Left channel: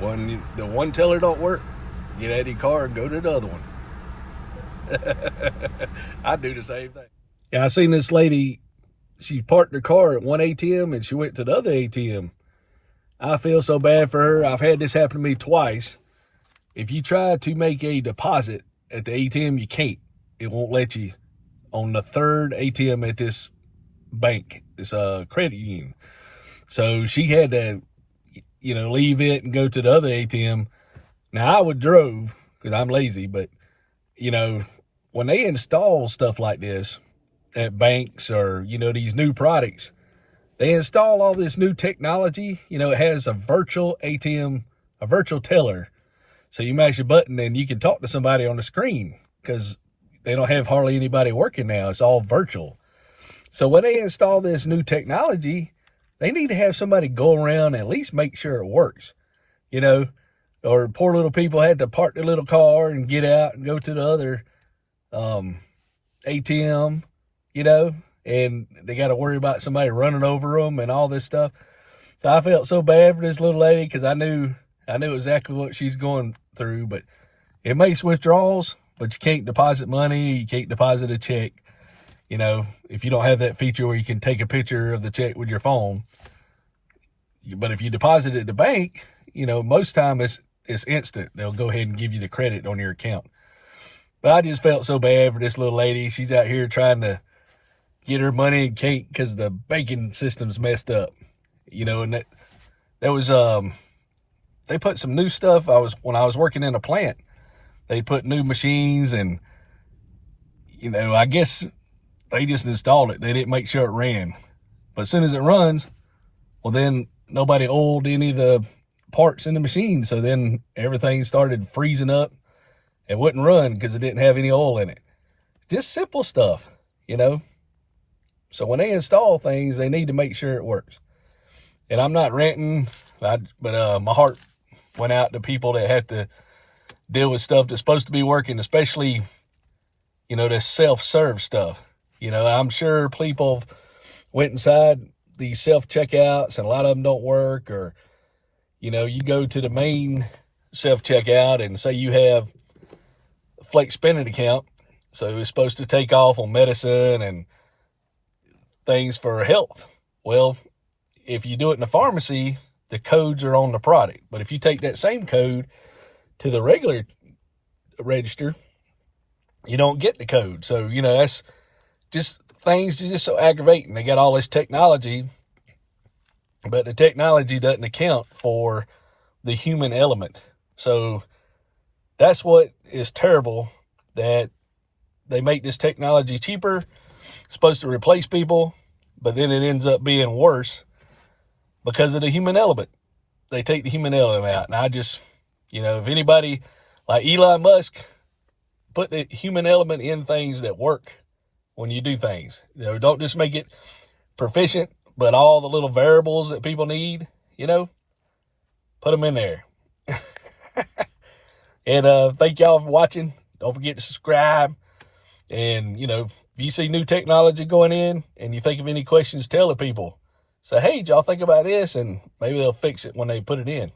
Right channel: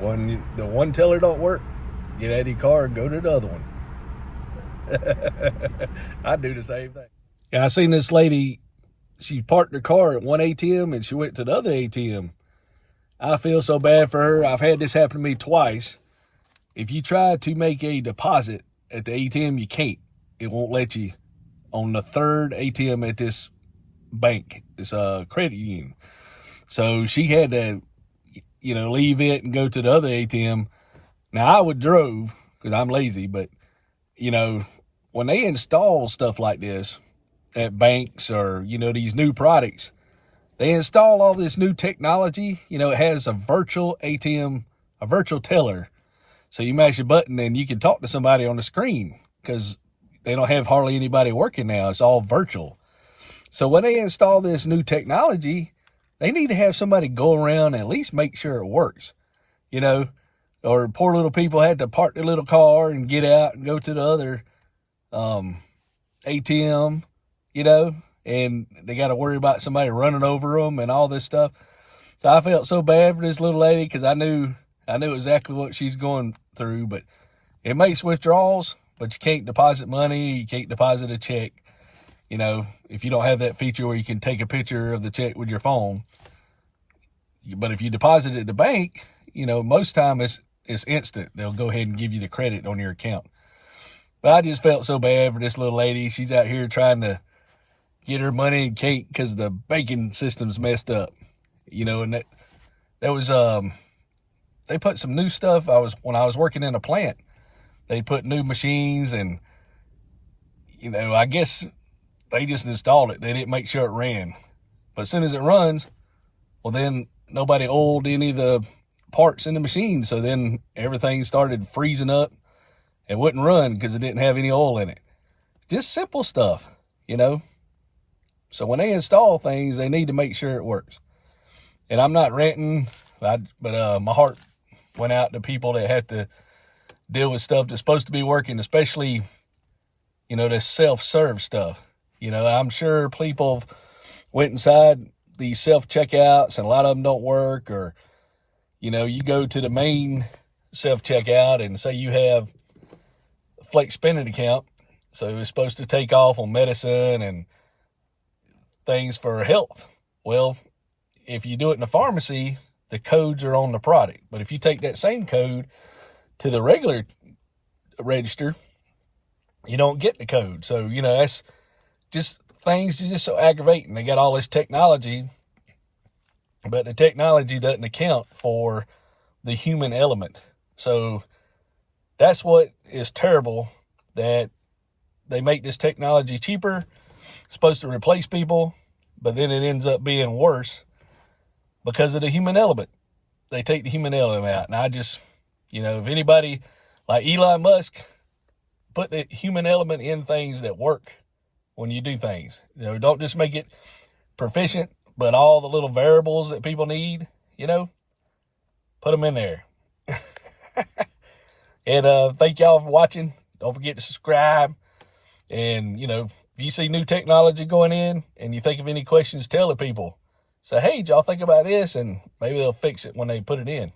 When the one teller don't work, get out of your car and go to the other one. I do the same thing. Yeah, I seen this lady, she parked her car at one ATM and she went to the other ATM. I feel so bad for her. I've had this happen to me twice. If you try to make a deposit at the ATM, you can't. It won't let you on the third ATM at this bank, this credit union. So she had to, leave it and go to the other ATM. Now, I would drove because I'm lazy, but, when they install stuff like this at banks or, these new products, they install all this new technology. It has a virtual ATM, a virtual teller. So you mash a button and you can talk to somebody on the screen because they don't have hardly anybody working now. It's all virtual. So when they install this new technology, they need to have somebody go around and at least make sure it works, or poor little people had to park their little car and get out and go to the other ATM, and they got to worry about somebody running over them and all this stuff. So I felt so bad for this little lady because I knew exactly what she's going through. But it makes withdrawals, but you can't deposit money. You can't deposit a check. If you don't have that feature where you can take a picture of the check with your phone. But if you deposit it at the bank, most time it's instant. They'll go ahead and give you the credit on your account. But I just felt so bad for this little lady. She's out here trying to get her money and can't because the banking system's messed up. And that was they put some new stuff. When I was working in a plant, they put new machines and I guess they just installed it. They didn't make sure it ran. But as soon as it runs, well, then nobody oiled any of the parts in the machine. So then everything started freezing up and wouldn't run because it didn't have any oil in it. Just simple stuff, So when they install things, they need to make sure it works. And I'm not ranting, but my heart went out to people that have to deal with stuff that's supposed to be working, especially, this self-serve stuff. I'm sure people went inside these self-checkouts and a lot of them don't work, or, you go to the main self-checkout and say you have a flex spending account. So it's supposed to take off on medicine and things for health. Well, if you do it in the pharmacy, the codes are on the product. But if you take that same code to the regular register, you don't get the code. So, that's just things just so aggravating. They got all this technology, but the technology doesn't account for the human element. So that's what is terrible, that they make this technology cheaper, supposed to replace people, but then it ends up being worse because of the human element. They take the human element out. And I just, if anybody like Elon Musk, put the human element in things that work when you do things. Don't just make it proficient, but all the little variables that people need, put them in there. And thank y'all for watching. Don't forget to subscribe. And, if you see new technology going in and you think of any questions, tell the people. Say, hey, did y'all think about this? And maybe they'll fix it when they put it in.